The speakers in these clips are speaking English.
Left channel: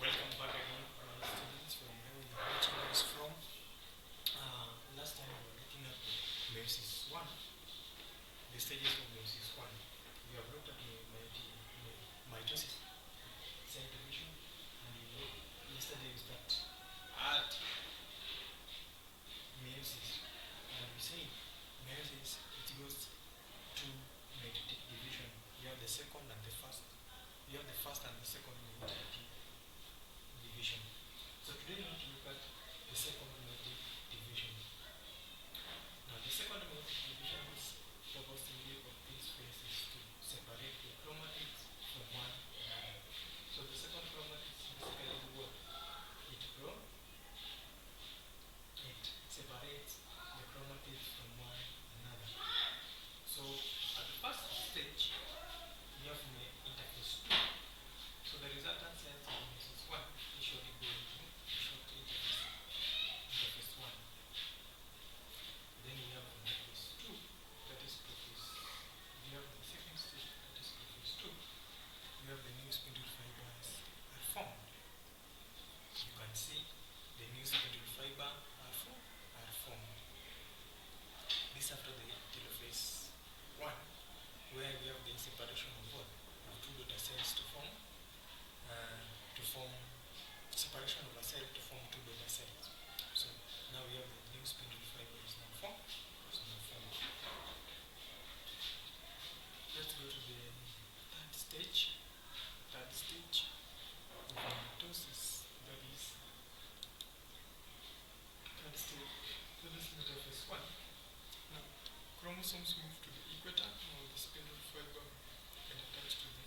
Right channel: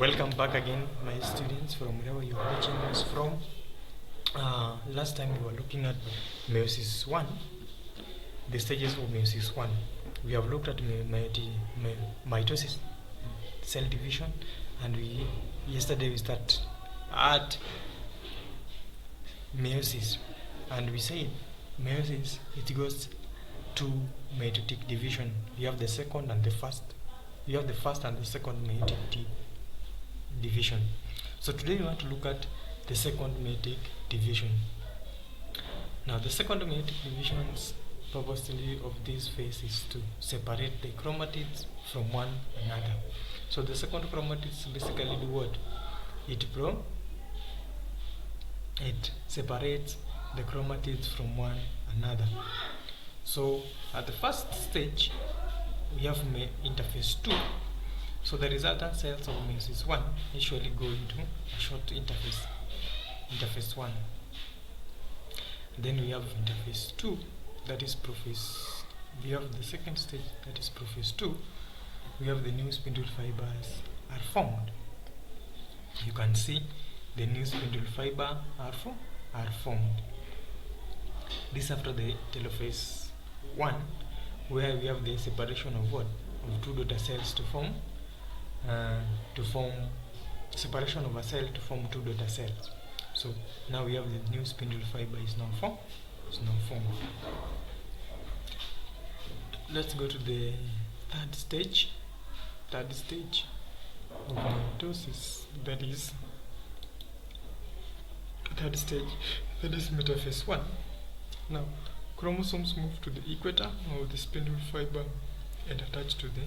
Welcome back again, my students, from wherever you are watching us from. Last time we were looking at meiosis 1, the stages of meiosis 1. We have looked at mitosis, cell division, and yesterday we started at meiosis, and we said meiosis, it goes to meiotic division. You have the second and the first. You have the first and the second meiotic division. So today we want to look at the second meiotic division. Now the second meiotic division's purposely of this phase is to separate the chromatids from one another. So the second chromatids basically do what? It separates the chromatids from one another. So at the first stage we have interphase 2. So the resultant cells of meiosis 1 usually go into a short interphase 1. Then we have interphase 2, that is prophase. We have the second stage, that is prophase 2. We have the new spindle fibers are formed. You can see the new spindle fiber are formed. This after the telophase 1, where we have the separation of what? Of two daughter cells to form separation of a cell to form two daughter cells. So now we have the new spindle fiber is now formed. Let's go to the third stage of meiosis. That is metaphase 1. Now chromosomes move to the equator of the spindle fiber and attach to the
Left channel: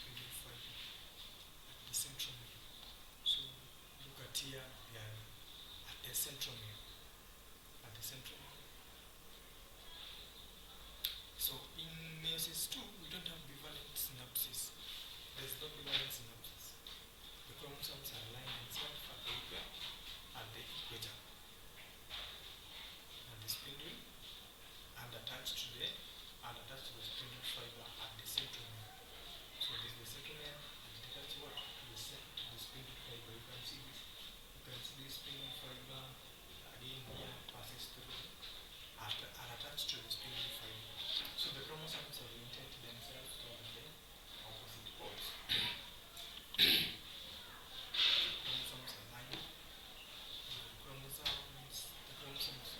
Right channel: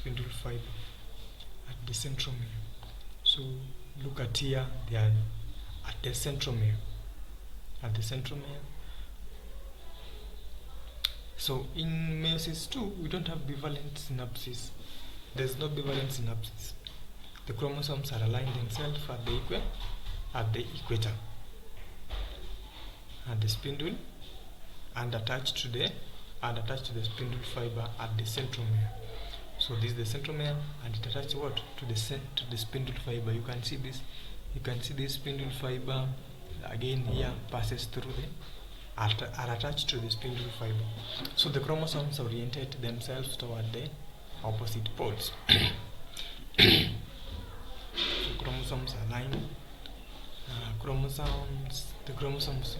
spindle fiber at the centromere. So look at here, they are at the centromere. So in meiosis 2, we don't have bivalent synapses. There's no bivalent synapses. The chromosomes are aligned themselves at the equator, at the spindle, and attached to the spindle fiber at the centromere. So this is the centromere, and it attaches what? To the spindle fiber. You can see this spindle fiber again here passes through are attached to the spindle fiber. So the chromosomes orientate themselves toward the opposite poles. So chromosomes align. The chromosomes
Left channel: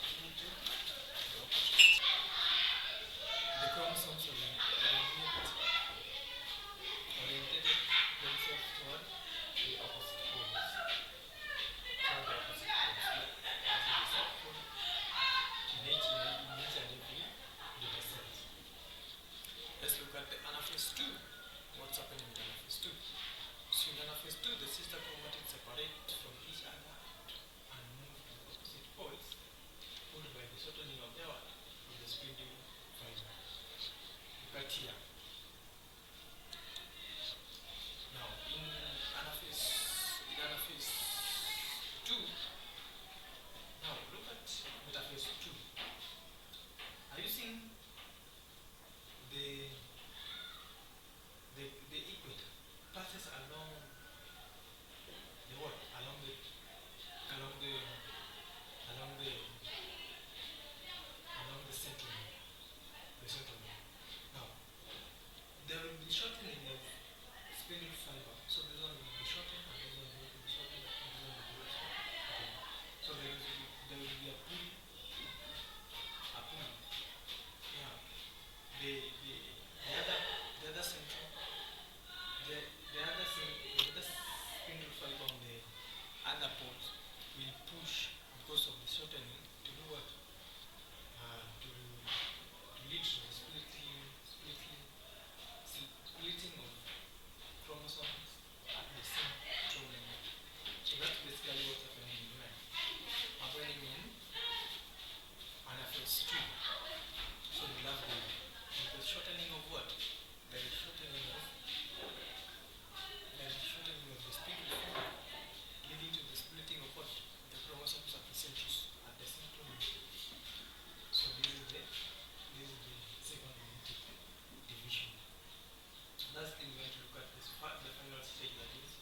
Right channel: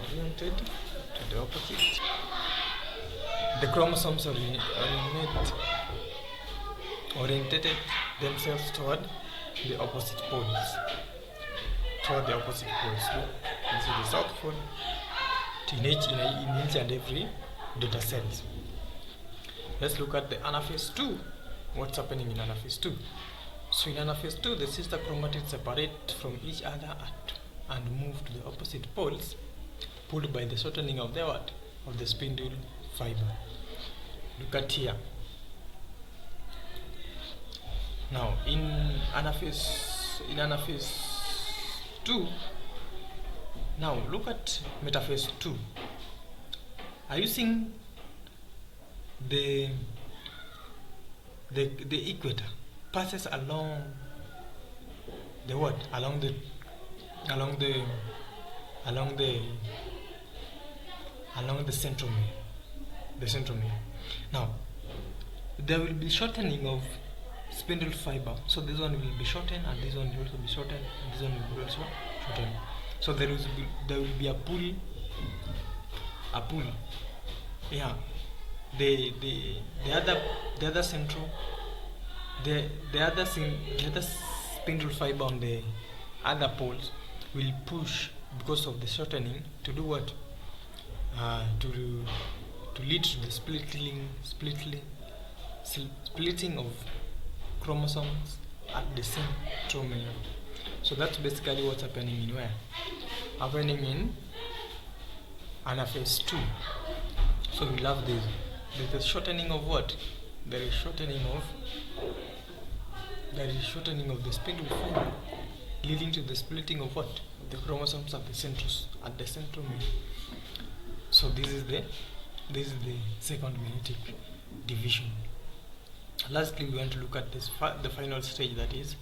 oriented to the opposite. The chromosomes orientated themselves toward the opposite poles. You can see the south pole in each and every daughter cells. Let's look at the anaphase 2. What's happening in anaphase 2? So in anaphase 2, the sister chromatids separate from each other and move to the opposite poles, pulled by the shortening of the spindle fiber. Look at here. Now in anaphase 2, now look at metaphase 2. Are you seeing the equator passes along the what? Along the centromere. Now there will be shortening of spindle fiber. So this one will be shortened, and this one will also be shortened, and this one will also shortened. So there will be a pull. Yeah. The other spindle fiber on the other poles will push because of the shortening to do what? To lead to the splitting of chromosomes at the centromere. So that's basically what's happening in where? Happening in anaphase 2. So we love this. There's a shortening of what? There is shortening of the spindle fiber, leading to the splitting of what? The chromosomes at the centromere. So this is the second meiotic division. Lastly, we want to look at this the final stage, that is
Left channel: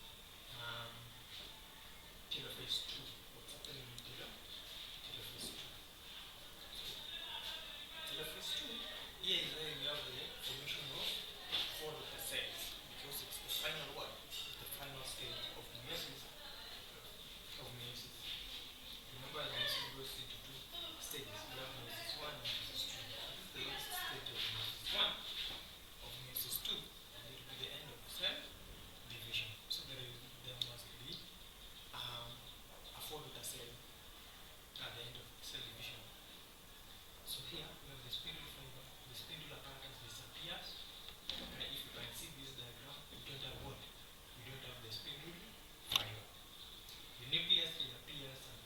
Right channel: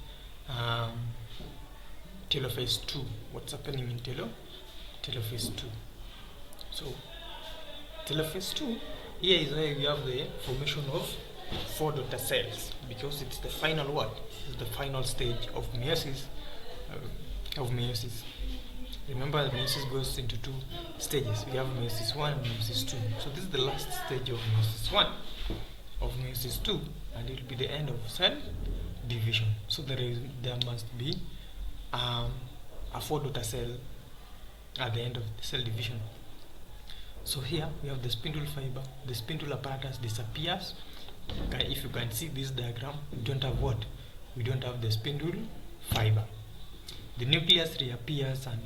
telophase 2. What's happening in telophase 2? So telophase 2, here is where we have the formation of 4 daughter cells, because it's the final what? It's the final stage of meiosis. Remember, meiosis goes into 2 stages. We have meiosis 1 and meiosis 2. So this is the last stage of meiosis 1, of meiosis 2, and it will be the end of cell division. So there must be a 4 daughter cell at the end of the cell division. So here we have the spindle fiber. The spindle apparatus disappears. If you can see this diagram, we don't have what? We don't have the spindle fiber. The nucleus reappears and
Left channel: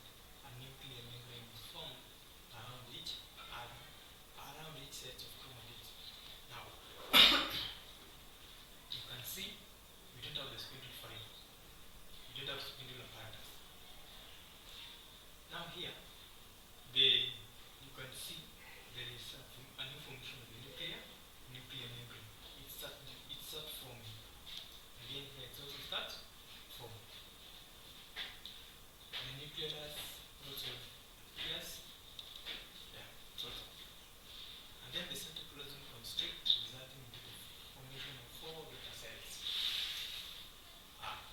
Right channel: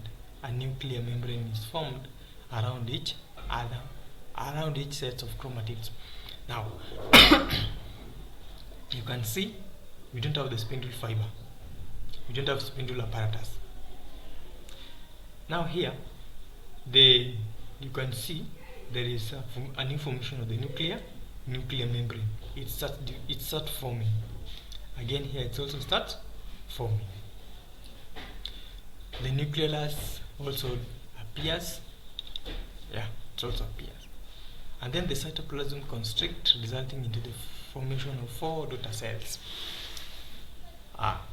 a nuclear membrane is formed around each set of chromatids. Now you can see we don't have the spindle fiber. We don't have spindle apparatus. Now here you can see there is a new formation of the nuclear membrane. It starts forming. Again here it also starts forming. The nucleolus also appears. Yeah, it also appears. And then the cytoplasm constricts, resulting into the formation of 4 daughter cells.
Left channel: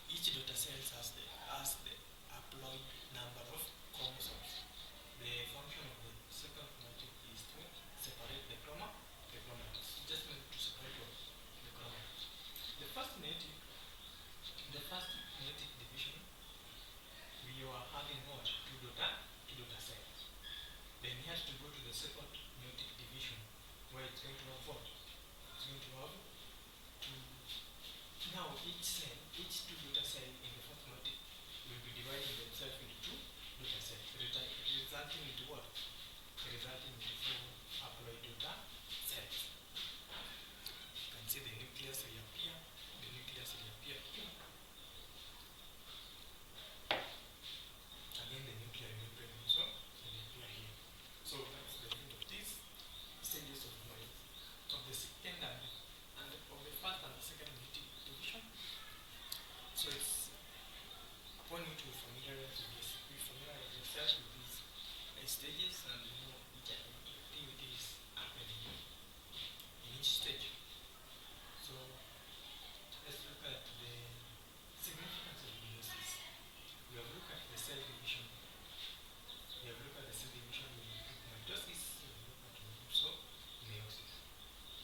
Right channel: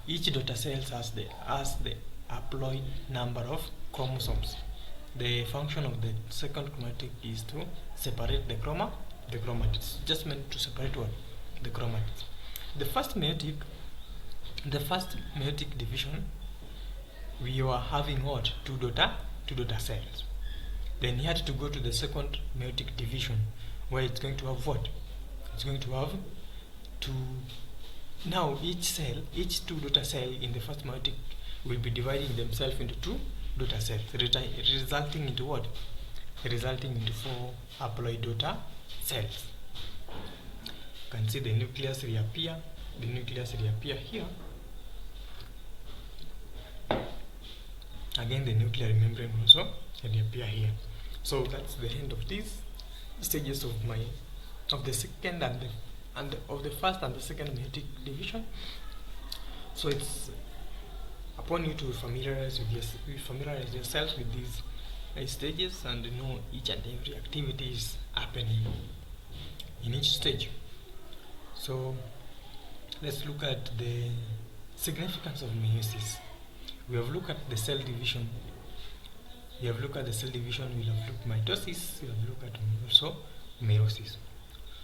Each daughter cell has the haploid number of chromosomes. The function of the second chromatic is to separate the chromatids. Just meant to separate what? The chromatids. The first meiotic division, we were having what? 2 daughter cells. Then you had to go to the second meiotic division, where it's going to have what? It's going to have 2. Now each 2 daughter cell in the first meiotic will be dividing themselves into 2 daughter cells, resulting into what? Resulting into 4 haploid daughter cells. You can see the nucleus reappear. The nucleus reappear here. Again, the nuclear membrane also reappear here. So that's the end of these stages of the second and of the first and the second meiotic division. So it's upon you to familiarize yourself with these stages and know each and every activity is happening in each stage. So let's look at the significance of meiosis. We have looked at the cell division. We have looked at mitosis. We have looked at also meiosis.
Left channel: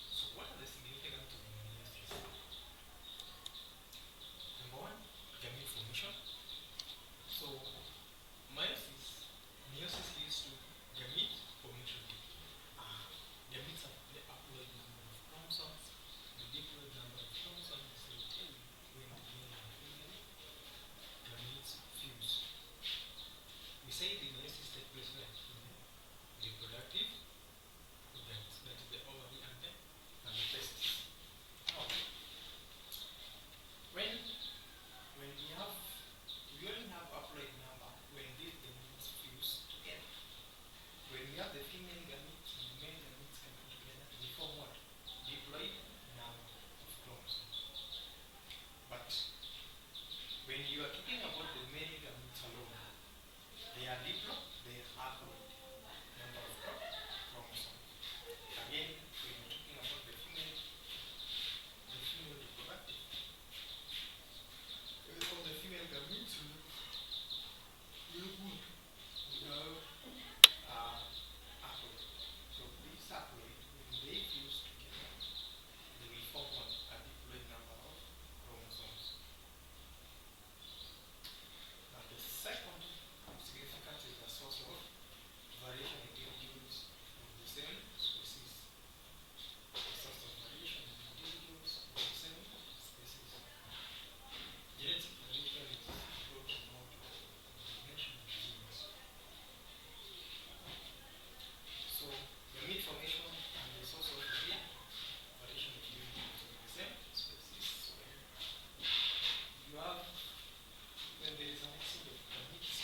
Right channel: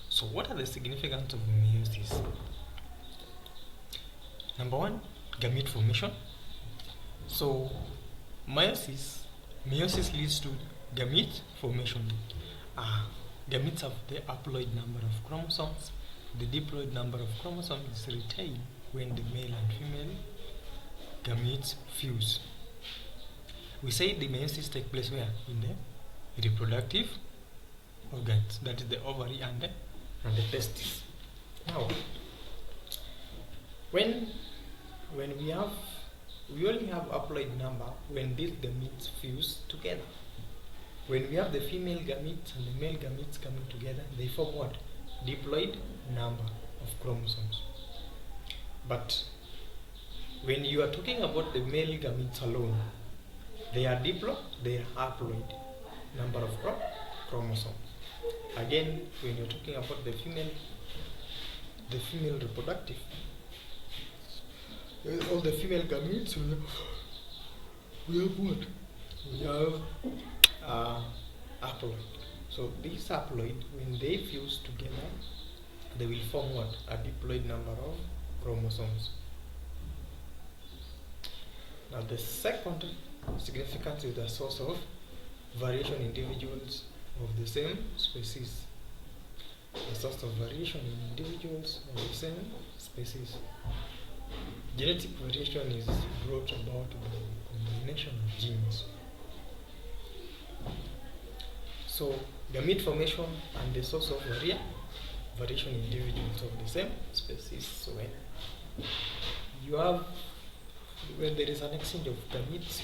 So what are the significance of meiosis? Number 1, gamete formation. So meiosis leads to gamete formation. Gametes have the haploid number of chromosomes. The diploid number of chromosomes is retained when the male and female gametes fuse. We say the meiosis takes place where? In the reproductive organs, that is the ovary and the testes. Now, when we only have haploid number when these gametes fuse together. When we have the female gametes and the male gametes coming together, they form what? Diploid number of chromosomes. But when you are talking about the male gametes alone, they are haploid number of chromosomes. Again, when you're talking about the female reproductive, all the female gametes we have what? We have haploid. So these haploid, when they fuse together, they will form what? A diploid number of chromosomes. Now the second significance is the source of variation in individuals of the same species. The source of variation in individuals of the same species. Genetic variation is brought about by the combination of genes. So gamete formation and the source of variation in individuals of the same species. So when there is an exchange of gametes,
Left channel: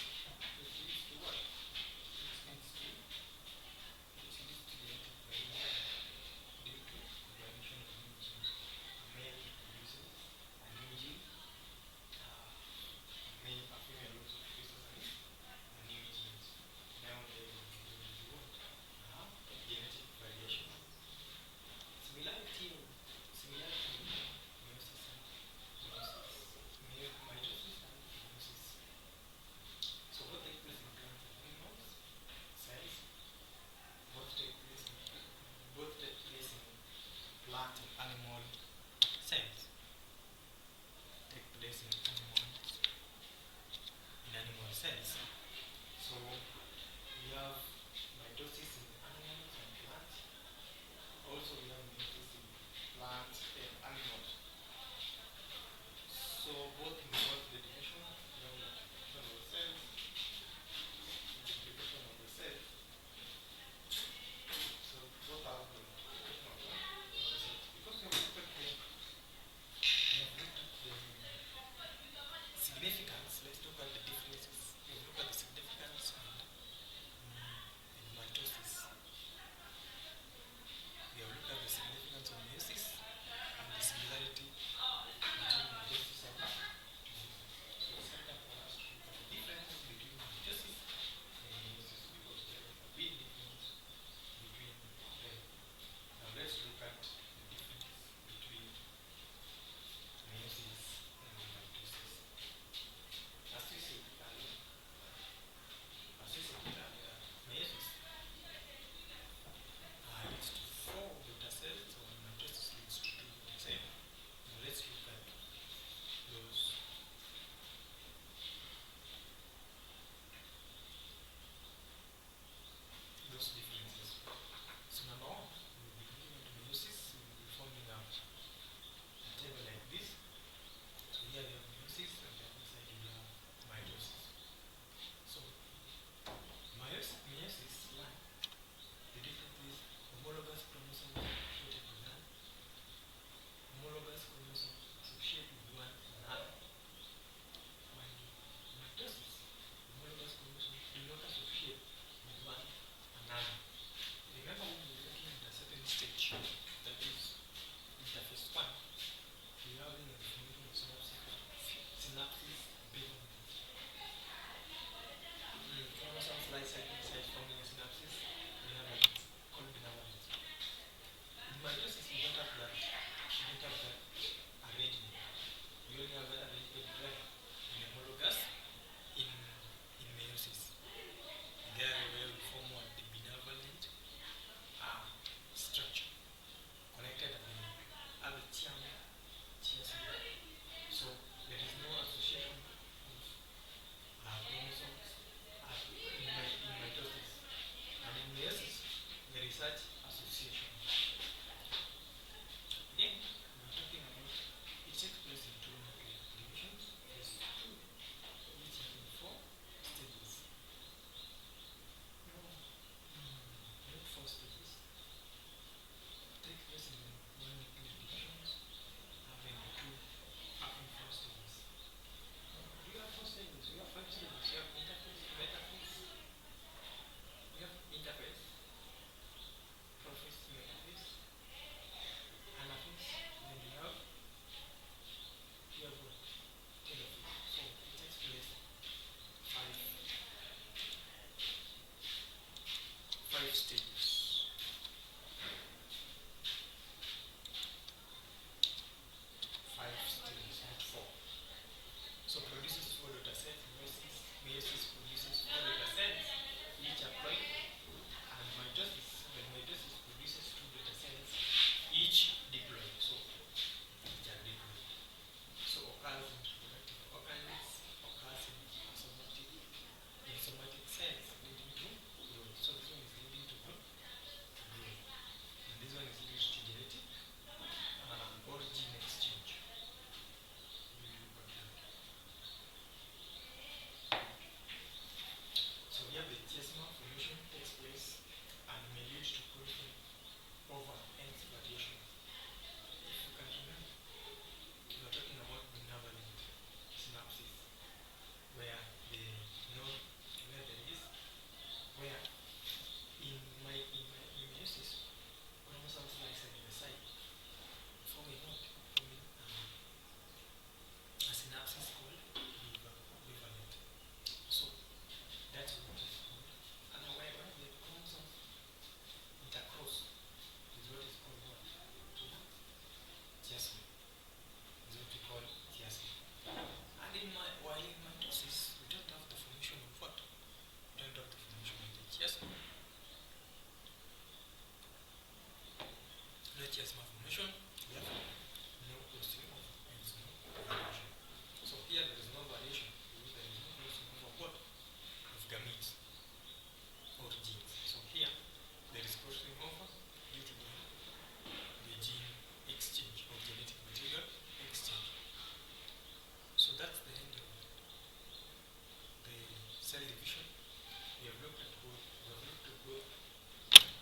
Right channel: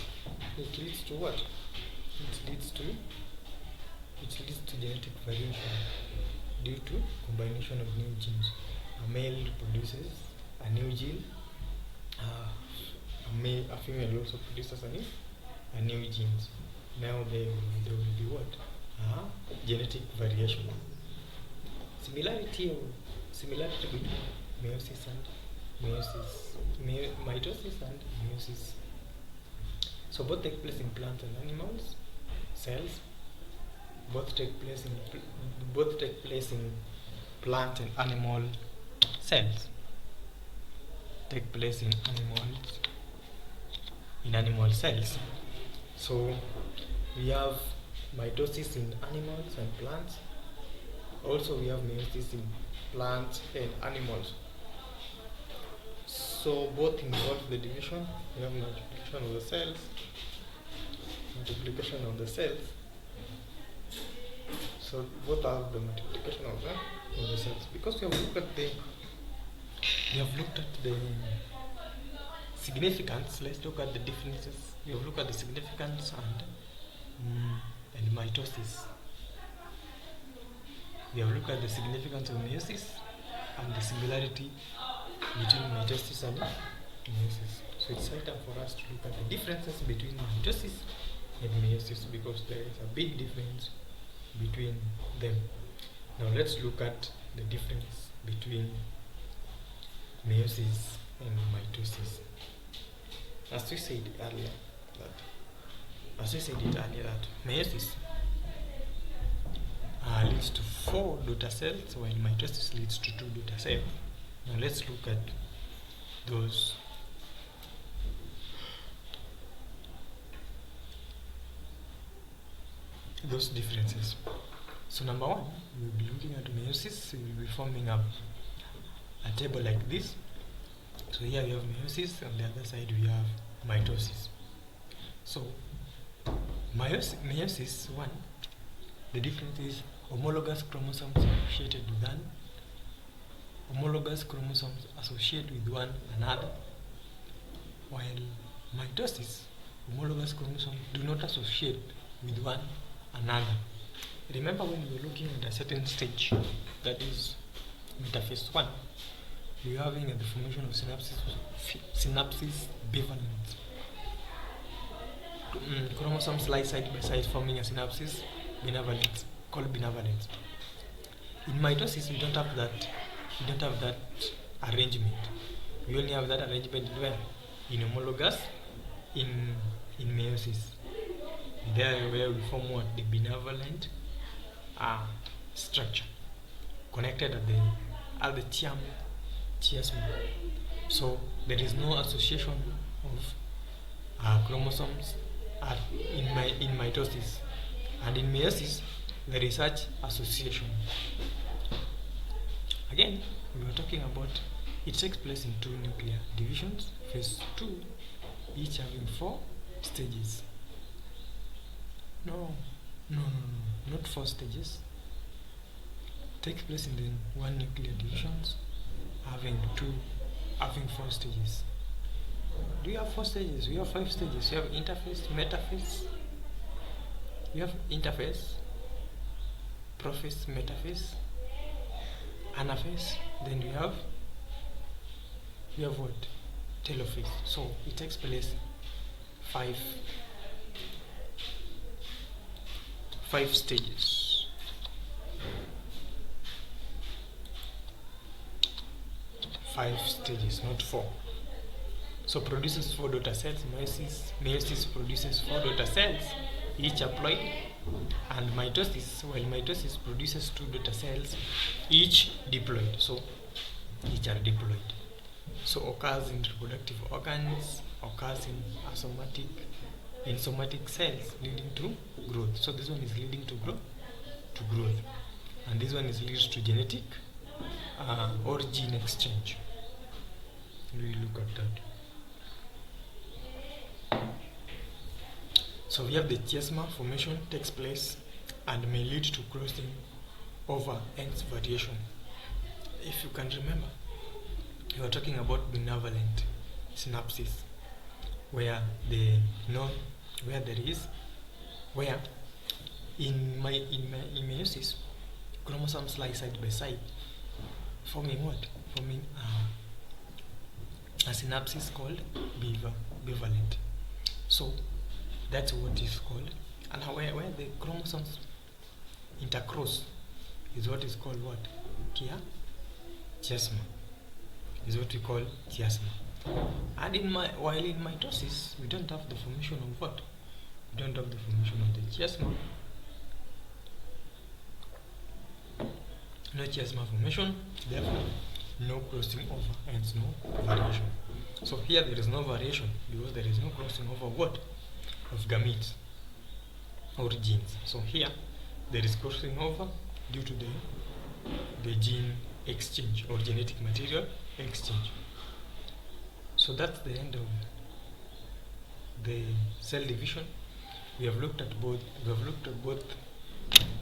it leads to what? It leads to genetic variation due to combination of new genes. A male produces a new gene. A female also produces a new genes. Now there will be what? Genetic variation. Similarity between meiosis and mitosis and meiosis. So both take place in plants and animals cells. Both take place in plant and animal cells. Take place in animal cells. So we have mitosis in animals and plants. Also we have meiosis in plants and animals. So both involve the division. We have multiplication of the cells. So both have the multiplication of the cells. Because we have looked at the significance. Let's look at the differences. We have looked at the significance and mitosis. We have looked at the significance of meiosis and the similarity between mitosis and meiosis. So it's better for us to look at the differences between mitosis and meiosis because there is a big difference between them. Now let's look at the difference between meiosis and mitosis. As we said earlier, that meiosis leads to 4 daughter cells, while mitosis leads to 2 daughter cells. Now let's look at those differences. So number 1, we will be looking at meiosis. We will be forming a table like this. So here we have meiosis, on the other side we have mitosis. So meiosis 1, the difference is homologous chromosomes associated with one another, while mitosis, homologous chromosomes do not associate with one another. Remember when we were looking at a certain stage, that is interphase 1, we are having the formation of synapses bivalent. Chromosomes lie side by side forming a synapses bivalent, called bivalent. In mitosis, we don't have that arrangement. We only have that arrangement in homologous, in meiosis. There where we form what? The bivalent structure connected at the chiasm. So there is no association of chromosomes in mitosis, and in meiosis there is such association. Again, we were talking about it takes place in 2 nuclear divisions, phase 2, each having 4 stages. No, not 4 stages. It takes place in the 1 nuclear divisions, having 4 stages. Do you have 4 stages? You have 5 stages. You have interphase, metaphase. You have interphase, prophase, metaphase, anaphase. Then you have what? Telophase. So it takes place 5 stages. 5 stages, not 4. So produces 4 daughter cells. Meiosis produces 4 daughter cells, each haploid, and while mitosis produces 2 daughter cells, each diploid. So each are diploid. So occurs in reproductive organs, occurs in somatic cells, leading to growth. So this one is leading to growth, and this one is leading to genetic or gene exchange. We look at that. So we have the chiasma formation takes place and may lead to crossing over ends variation. If you can remember, we are talking about benevolent synapses, where in meiosis chromosomes lie side by side, forming what? forming a synapse called bivalent. So that's what is called, and where the chromosomes intercross is what is called what? Chiasma is what we call chiasma. And while in mitosis, we don't have the formation of what? We don't have the formation of the chiasma. No chiasma formation, therefore no crossing over, hence no variation. So here there is no variation because there is no crossing over what? Of gametes or genes. So here there is crossing over due to the gene exchange or genetic material exchange. So that's the end of the cell division. We have looked at both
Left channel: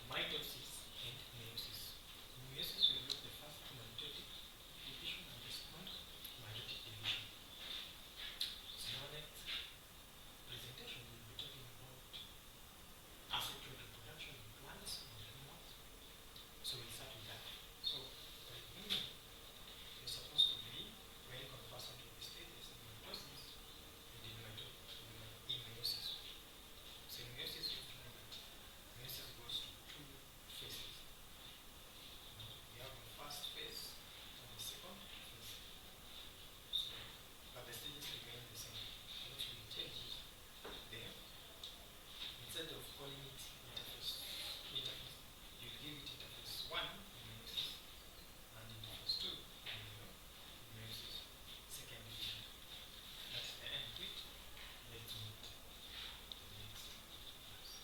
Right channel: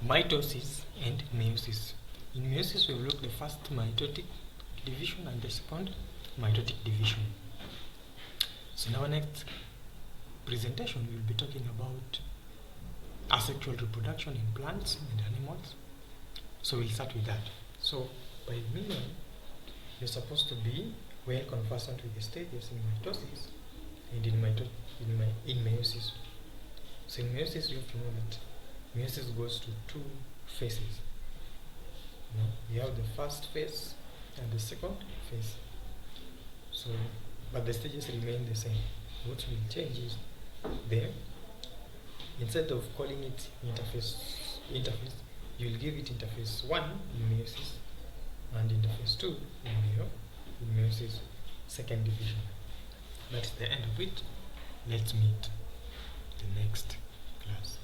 mitosis and meiosis. In meiosis we have looked at the first meiotic division and the second meiotic division. So in our next presentation we will be talking about asexual reproduction in plants and animals. So we'll start with that. So by million, you're supposed to be well conversant with the stages in mitosis and in meiosis. So in meiosis, you have to know that meiosis goes to two phases. You have the first phase and the second phase. So, but the stages remain the same. What will change is instead of calling it interphase, you will give it interphase 1 in meiosis and interphase 2 in meiosis, second division. That's the end of it. Let's meet the next class.